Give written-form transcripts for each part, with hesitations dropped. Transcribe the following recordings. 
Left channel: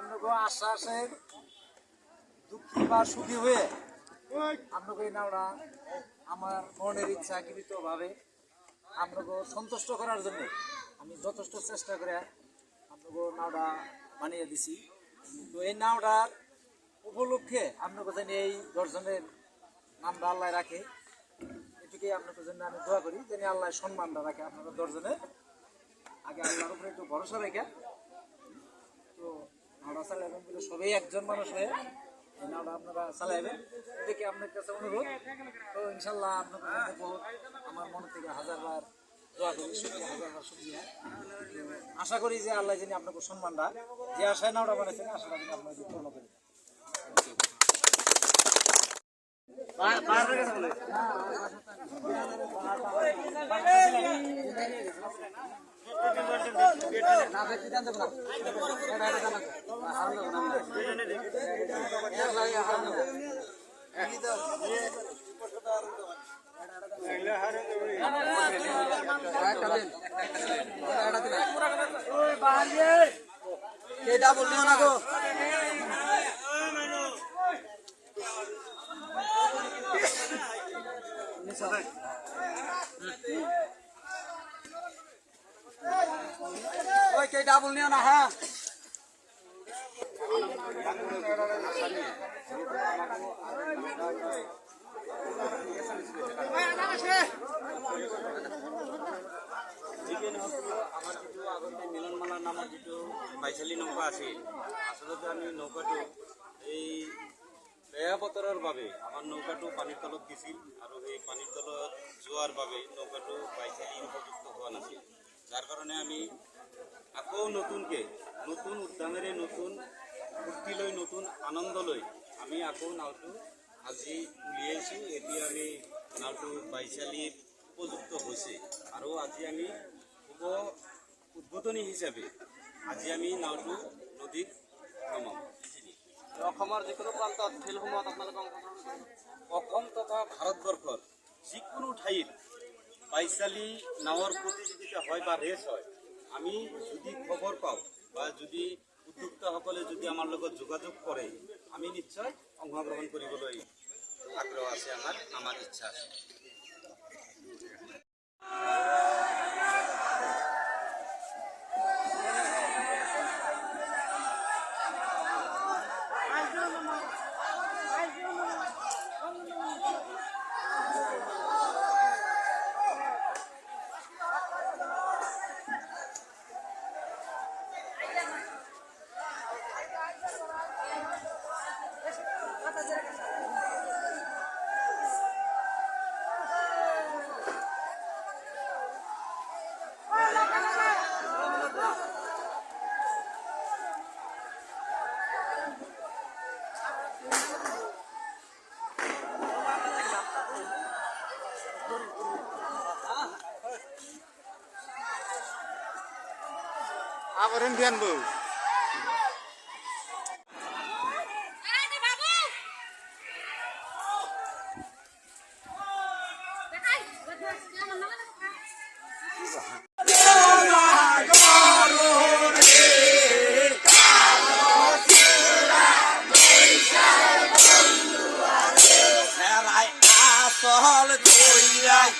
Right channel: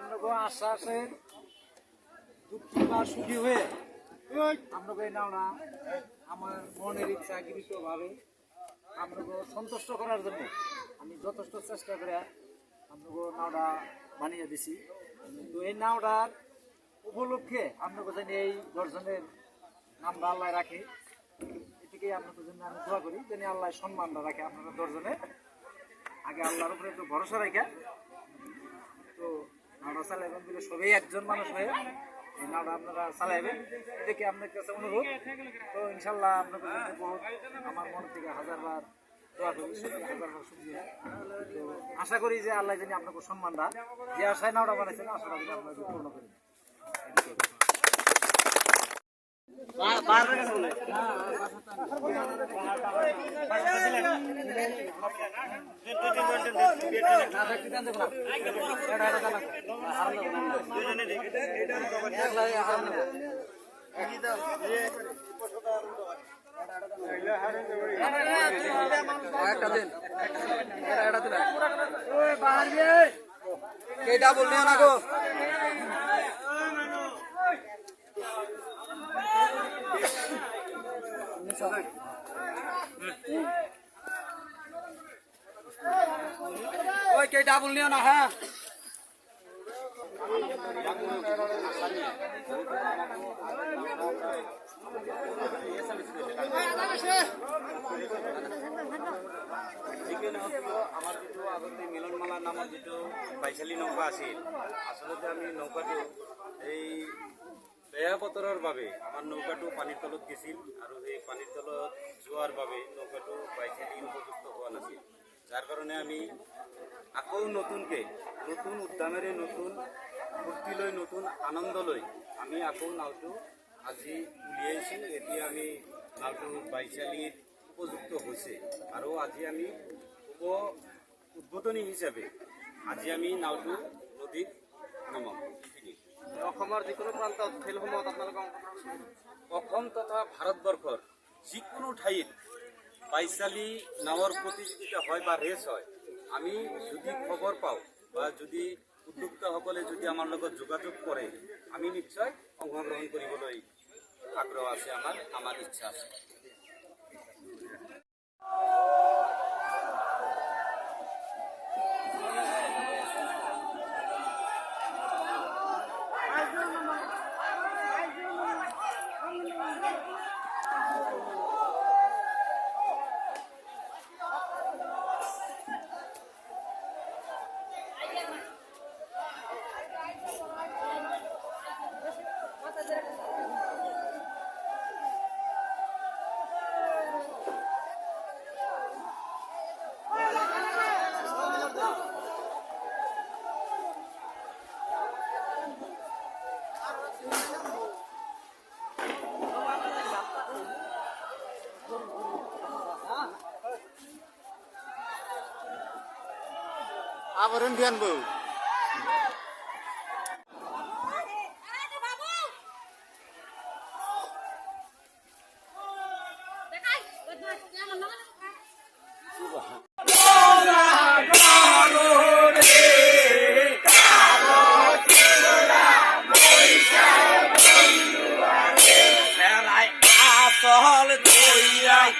আপনাকে আশ্বাসের দুঃখী বা সুখী হয়ে আপনাকে এই নাওটা আমার মনের ইচ্ছা গৃহীতভাবে আপনাকে সন্তুষ্ট করার জন্য আমি যথেষ্ট চেষ্টা করে আপনাকে নাওটা বানিয়ে দিছি। তো এই নাওটার উপলক্ষে আপনাকে জানি এই দর্শনের নামটা আল্লাহ রাখে, এটিকে আপনাদের জন্য আমি দোয়া করি যেন আল্লাহ সম্মানটা রাখে আপনারা দর্শনে। আগে আল্লাহর উপরে একটু ভরসা রেখে তো নাওটা চালাইবেন বলে সবাই একজন মানুষ হয়ে এই নাওটা আপনারা চালাইবেন, এটাকে আপনার কাছে অনুরোধ। তো ইনশাল্লাহ আপনাদের জন্য বহুত আমার মন থেকে হাজারবার দোয়া করি, হাজারবার শুকরিয়া। তো আশা করি যে আল্লাহ জানি আপনাকে সম্মানটা যে আশায় নাওটা বানাইছেন আশাটা যদি আপনাকে পূর্ণ করি। কেটা বললি না গো ওই কেটা বললি না। হ্যাঁ আমার যেটো আগতে মিলনমালা নামৰ যেটো বাইচালি নৌকা আছিল, আচলতে আমি নৌকাটো এই বেয়া বতৰৰ বাবে আমাৰ নৌকাটো পানীৰ তলত গৈছিল আৰু সেই পানীৰ তলত যোৱাৰ বাবে নৌকাটো বাইচালি উপযুক্ত হোৱা নাছিল, যাৰ কাৰণে আমি আকৌ নতুনকৈ নতুন উদ্যমেৰে নতুন ফূৰ্তি লৈ নতুন আনন্দ লৈ আমি আকৌ নাওটো আজি উলিয়াইছোঁ। এতিয়া আমি নাওটো বাইচালিত উপযুক্ত হৈছে আৰু আজি আমি শুভ উদ্বোধনী হিচাপে আজি আমি নাওটো নদীত নমাম। অসমৰ যিকোনো প্ৰান্তত ফিল্ডসমূহত আপোনালোকৰ অসম তথা ভাৰতবৰ্ষৰ যিকোনো ঠাইত বাইচালি নাৱৰ প্ৰতিযোগিতা হয় বা ৰেচ হয়, আমি যদি খবৰ পাওঁ বা যদি উদ্যোক্তাসকলে যদি আমাৰ লগত যোগাযোগ কৰে আমি নিশ্চয় অংশগ্ৰহণ কৰিবলৈ আগ্ৰহ আছে, আমাৰ ইচ্ছা আছে। আবরণ ধ্যান বউ আসল দইয়াই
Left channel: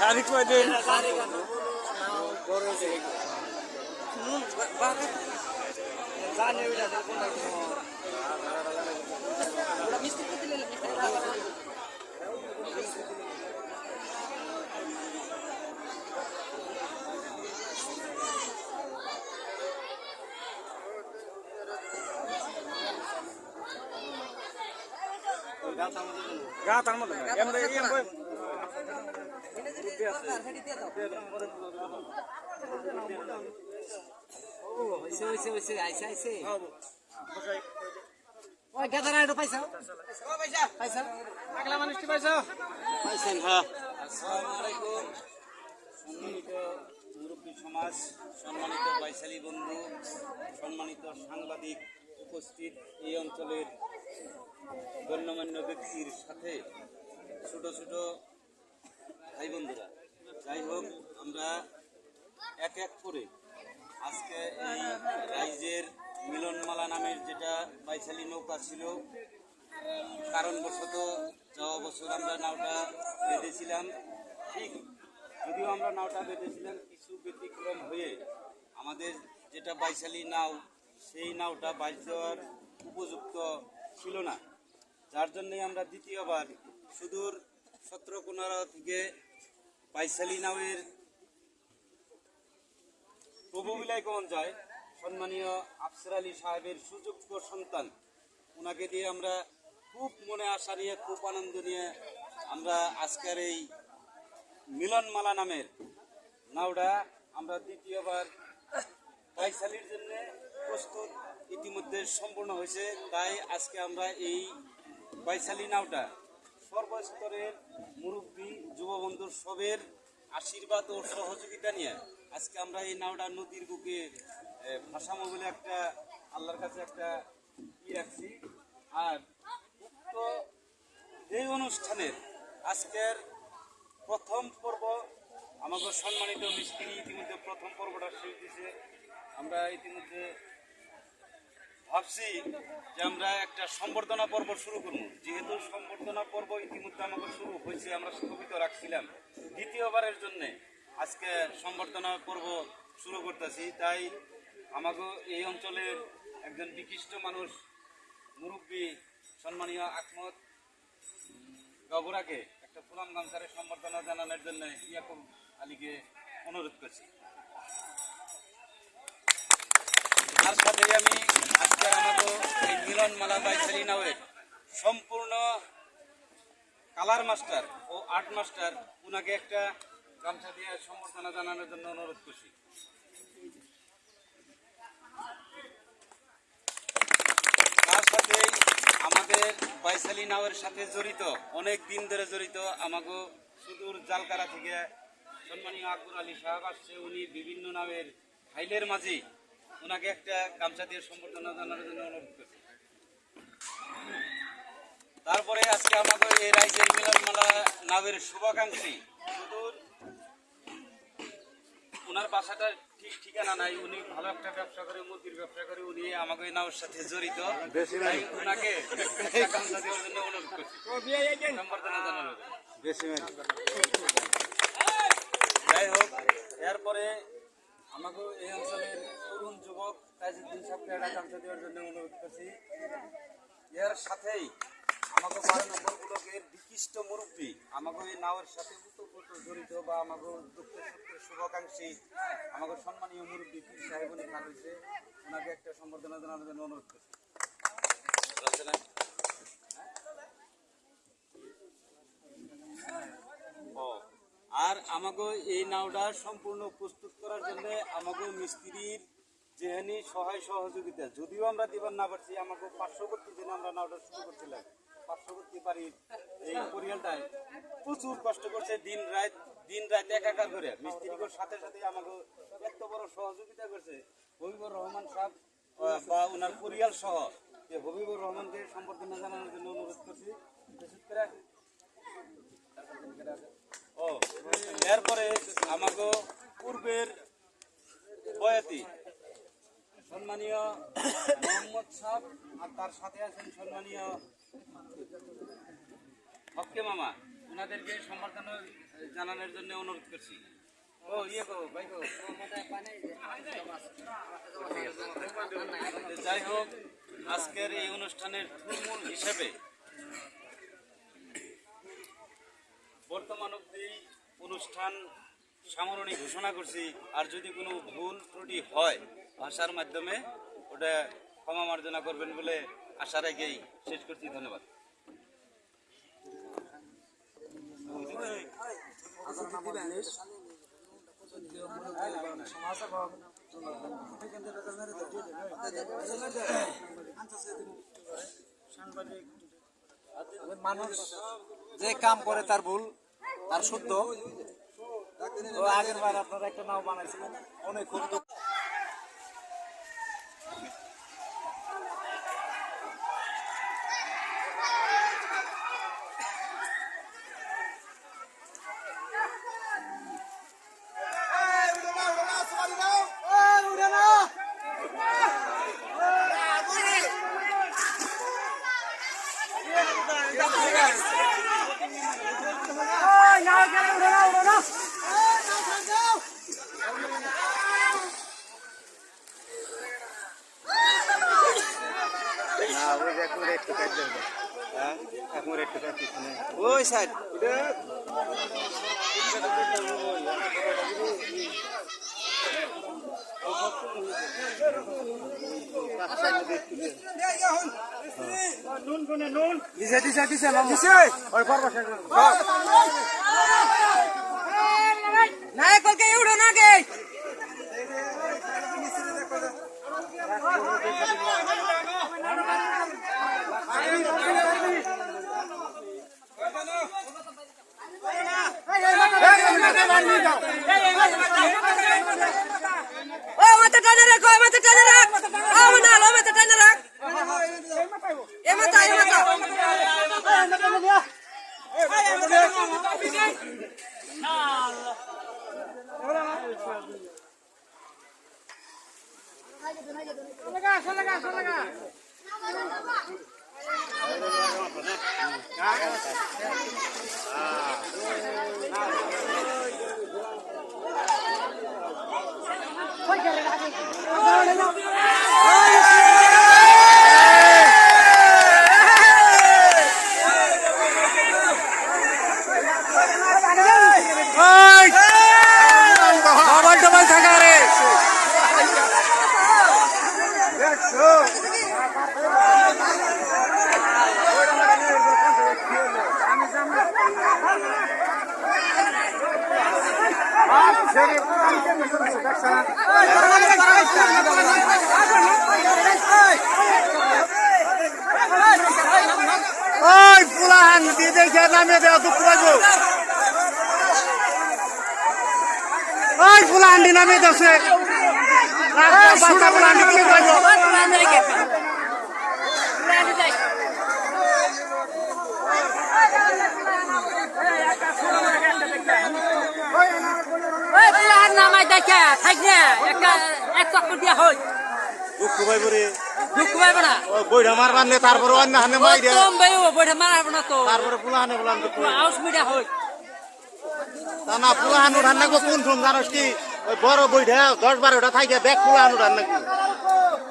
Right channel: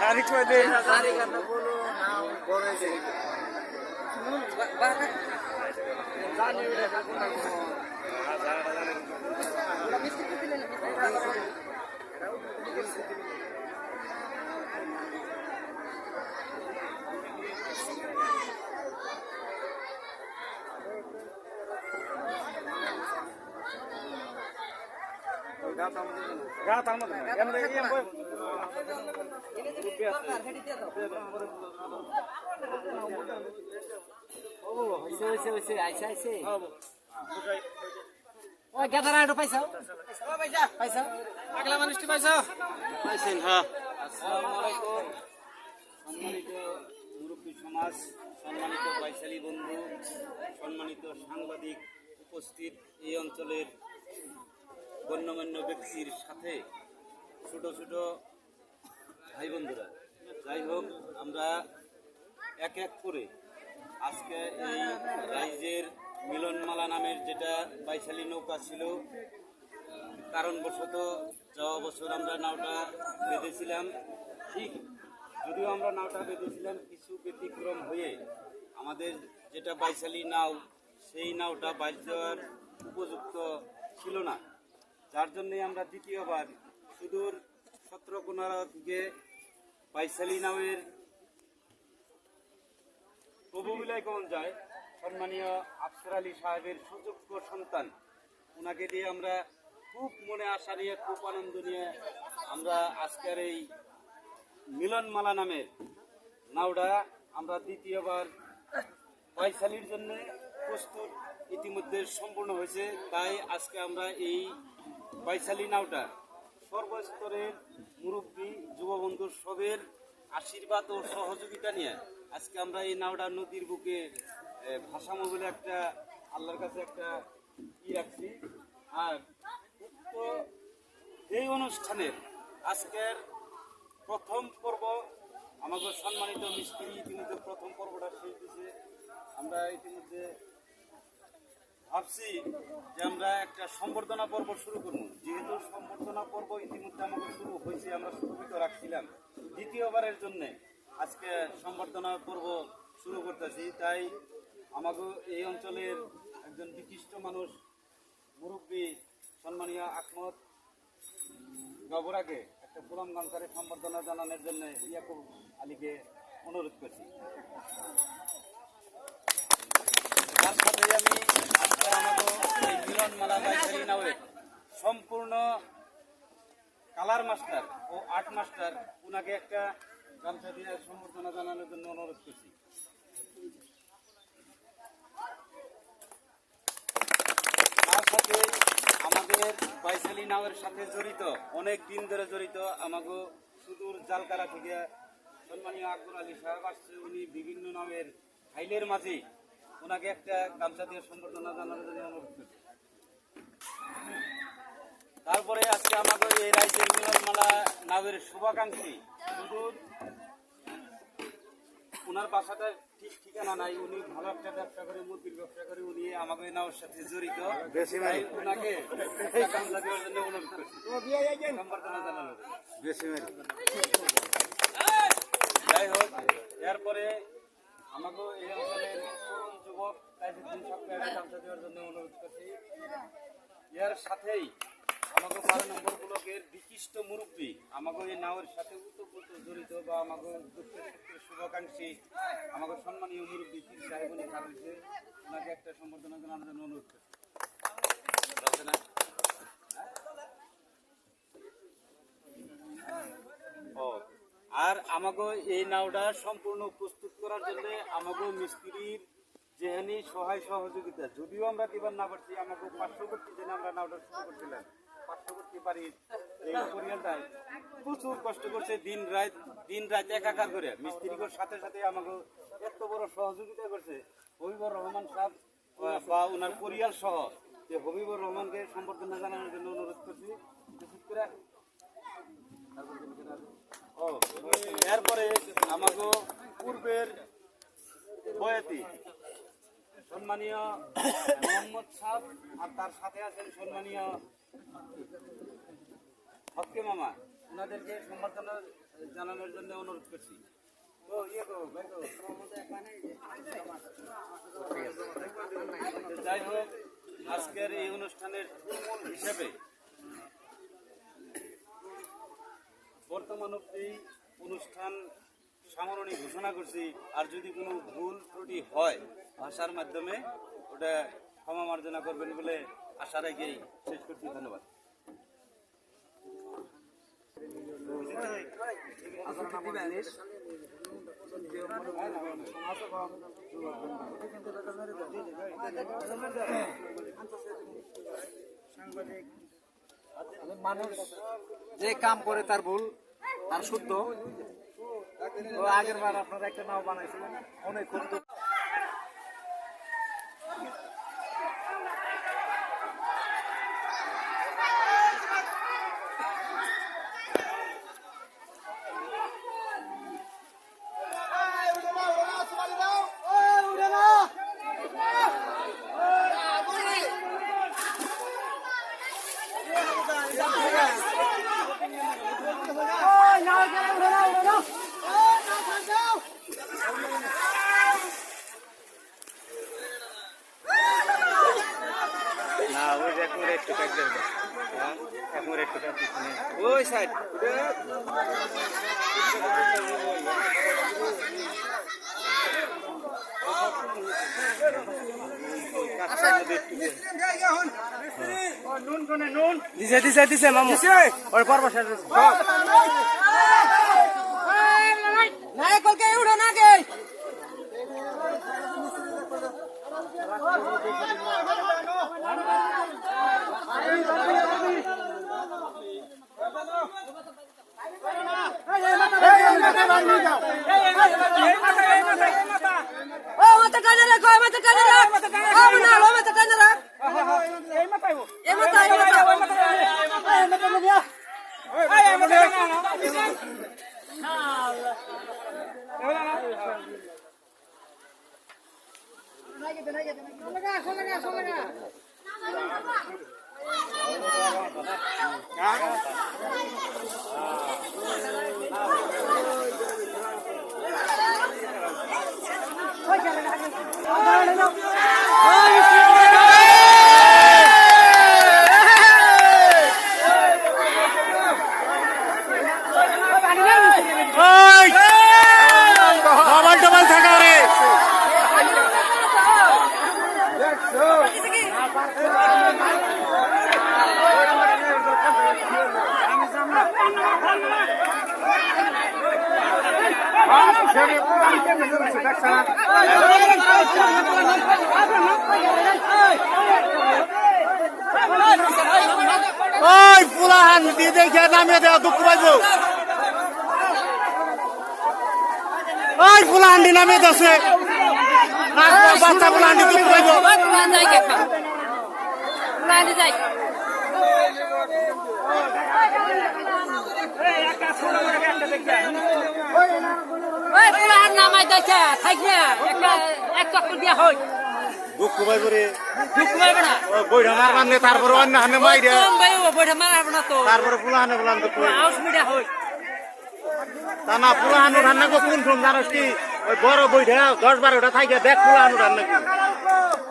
গানি করে দে গানি গান বলো নাও বড় যে জানি এটা কোন মিষ্টি দিলে রাত আমাদের এমনি এম কই ও হইছে আইছে আইছে ও গেদারা একটু পয়সা ও পয়সা পয়সা আগলা মানুষটি পয়সা পাইছেন হ্যাঁ। আসসালামু আলাইকুম সম্মানিত মুরব্বী সমাজ, সম্মানিত বৈশালী বন্ধু, সম্মানিত সাংবাদিক উপস্থিত এই অঞ্চলের গণ্যমান্য ব্যক্তির সাথে ছোট ছোট ভাই বন্ধুরা, যাই হোক আমরা এক এক করে আজকে এই রাইজের মিলনমালা নামের যেটা বাইশালী নৌকা ছিল, কারণবশত যাওয়া বছর আমরা নাওটা বেঁধেছিলাম, ঠিক যদিও আমরা নাওটা বেঁধেছিলাম কিছু ব্যতিক্রম হয়ে আমাদের যেটা বাইশালী নাও সেই নাওটা বাইশ দেওয়ার উপযুক্ত ছিল না, যার জন্যে আমরা দ্বিতীয়বার সুদূর সত্রকোনা থেকে বাইশালী নাওয়ের প্রভু বিলাইগঞ্জ যায় সম্মানীয় আফসার আলী সাহেবের সুযোগ্য সন্তান, ওনাকে দিয়ে আমরা খুব মনে আশা নিয়ে খুব আনন্দ নিয়ে আমরা আজকের এই মিলনমালা নামের নাওটা আমরা দ্বিতীয়বার বাইশালীর জন্য প্রস্তুত ইতিমধ্যে সম্পূর্ণ হয়েছে। তাই আজকে আমরা এই বাইশালী নাওটা সর্বস্তরের মুরব্বী যুববন্ধুর সবের আশীর্বাদ ও সহযোগিতা নিয়ে আজকে আমরা এই নাওটা নদীর বুকে ভাসামো বলে একটা আল্লাহর কাছে একটা রাখছি। আর উক্ত এই অনুষ্ঠানের আজকের প্রথম পর্ব আমাদের সম্মানিত মিস্ত্রি ইতিমধ্যে প্রথম পর্বটা শেষ দিয়েছে। আমরা ইতিমধ্যে ভাবছি যে আমরা একটা সম্বর্ধনা পর্ব শুরু করব, যেহেতু সম্বর্ধনা পর্ব ইতিমধ্যে আমাদের শুরু হয়েছে, আমরা স্থগিত রাখছিলাম দ্বিতীয়বারের জন্যে আজকে সম্বর্ধনা পর্ব শুরু করতেছি। তাই আমাকে এই অঞ্চলের একজন বিশিষ্ট মানুষ মুরব্বী সম্মানীয় আহমদ গবরাকে একটা ফুলাম গামছারে সম্বর্ধনা জানানোর জন্য ইয়াকুব আলীকে অনুরোধ করছি। তার সাথে আমি আজকে আমাকে এই মিলনমালা বাইশালী নাওয়ের সম্পূর্ণ কালার মাস্টার ও আর্ট মাস্টার ওনাকে একটা গামছা দিয়ে সম্বর্ধনা জানানোর জন্য অনুরোধ করছি। তার সাথে আমাদের বাইশালী নাওয়ের সাথে জড়িত অনেক দিন ধরে জড়িত আমাকে সুদূর জালকারা থেকে সম্মানীয় আকবর আলী সাহেব আসছে, উনি বিভিন্ন নামের ফাইলের মাঝে ওনাকে একটা গামছা দিয়ে সম্বর্ধনা জানানোর জন্য অনুরোধ করছি। তারপরে আজকে আমাদের এই রাইজের মিলনমালা নামের শুভাকাঙ্ক্ষী সুদূর, ওনার বাসাটা ঠিক ঠিকানা নাই, উনি ভালো একটা ব্যবসা করে, মুরগির ব্যবসা করে, উনি আমাকে নাওর সাথে জড়িত, তাই ওনাকে একটা গামছা দেওয়ার জন্য অনুরোধ করছি সম্বর্ধনা জানানোর জন্য। যাই হোক, এরপরে আমাকে এই অঞ্চলের তরুণ যুবক তাইজুদ্দিন সাহেবকে একটা গামছা দেওয়ার জন্য অনুরোধ করছি। এর সাথেই আমাকে 12 নম্বর ব্লকের বিশিষ্ট মুরব্বী আমাকে এই নাওয়ের সাথে উতপ্রোত জড়িত বা আমাকে দুঃখের সুখের শুভাকাঙ্ক্ষী আমাকে সম্মানীয় মুরব্বী পীর সাহেব উনি খান হয়েছে, ওনাকে একটা সম্বর্ধনা জানানোর জন্য অনুরোধ করছি। ও আর আমাকে এই নাওটা সম্পূর্ণ প্রস্তুত করার জন্য আমাকে মিস্ত্রির যেহানি সহায় সহযোগিতা, যদিও আমরা দিবার না পারছি, আমাকে পার্শ্ববর্তী জন্য আমরা নাওটা শুরু করছিলাম, পার্শ্ববর্তী বাড়ির এই পরিয়ালটায় প্রচুর কষ্ট করছে, দিন রাত একাকার করে মিস্ত্রিগুলোর সাথে সাথে আমাকে এত বড় সহযোগিতা করছে হবিবুর রহমান সাহেব বা ওনার পরিয়াল সহ, যে হবিবুর রহমানকে সম্বর্ধনা জানানোর জন্য অনুরোধ করছি। বিশেষ করে এরপরে আমাকে পূর্বের বয়াতি সম্মানীয় মোহাম্মদ সাহেব আর তার সাথে আছেন সম্মানীয় হক্কে মামা, ওনাদেরকে সম্বর্ধনা জানানোর জন্য অনুরোধ করছি। ও ইয়ে কো ভাই কো। যাই হোক, আজকের এই অনুষ্ঠানের মূল হিসেবে বর্তমান অবধি অনুষ্ঠান সামরণী ঘোষণা করছি। আর যদি কোনো ভুল ত্রুটি হয় ভাষার মাধ্যমে ওটা ক্ষমা মার্জনা করবেন বলে আশা রেখেই শেষ করছি। ধন্যবাদ। মানুষ যে কাম করে তার ভুল তার শুদ্ধ। তো আগের বার আপনারা একটা নাও বানাইছিলেন, অনেক খুব দুঃখ। ওই সাইড দিছে মামু ওর পর বসা নাই করকে উড়ো না গে ডবল থাকা রে ওই পুলাহান দিয়ে দেখে নামে দেওয়া দুঃখ পাইব ওই পুলাহান্ডি নামে দেশে বাচ্চা পুলাহান্ডি দুঃখ পাইব দুঃখ পাইব রে বইটা মারবার নে তারপরে অন্য হানে মাইরে তারপরে পুলাহানে বলান দুঃখ তা না পুলাহান উঠান না কোন শুন জানোস কি ওই বড় বইটা 10-12টা থাকে ব্যাগ পুলাহান উঠান নাকি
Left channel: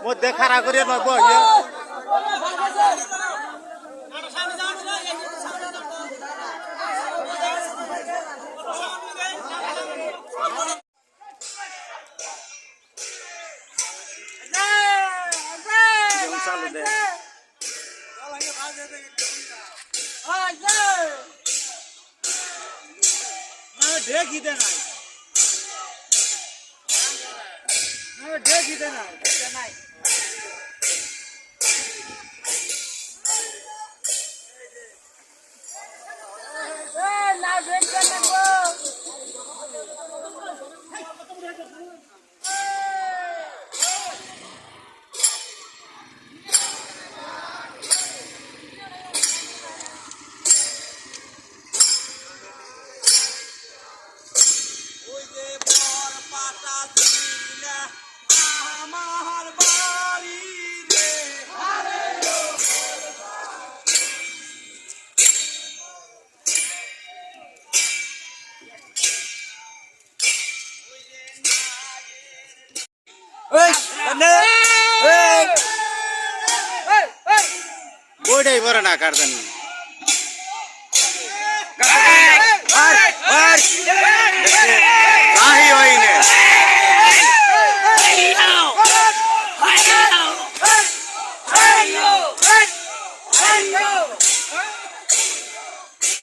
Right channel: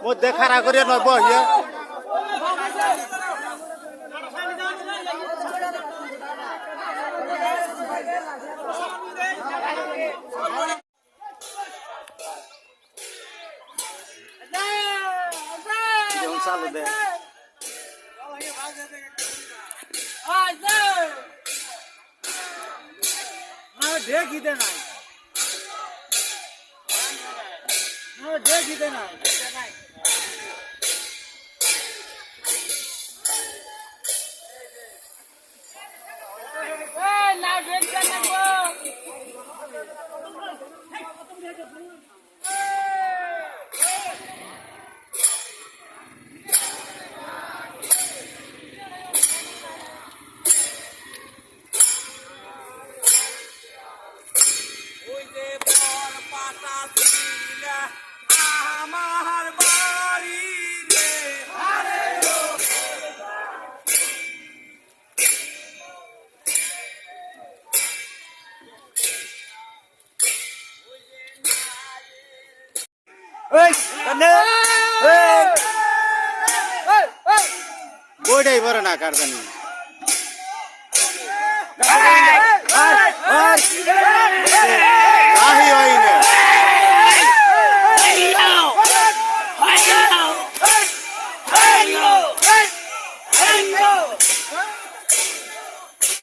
মধ্যে খাড়া করিয়া নয় বহিয়া চালু দে দেখি দে না দেখি দে না বইটাই পরে না কার জানি আর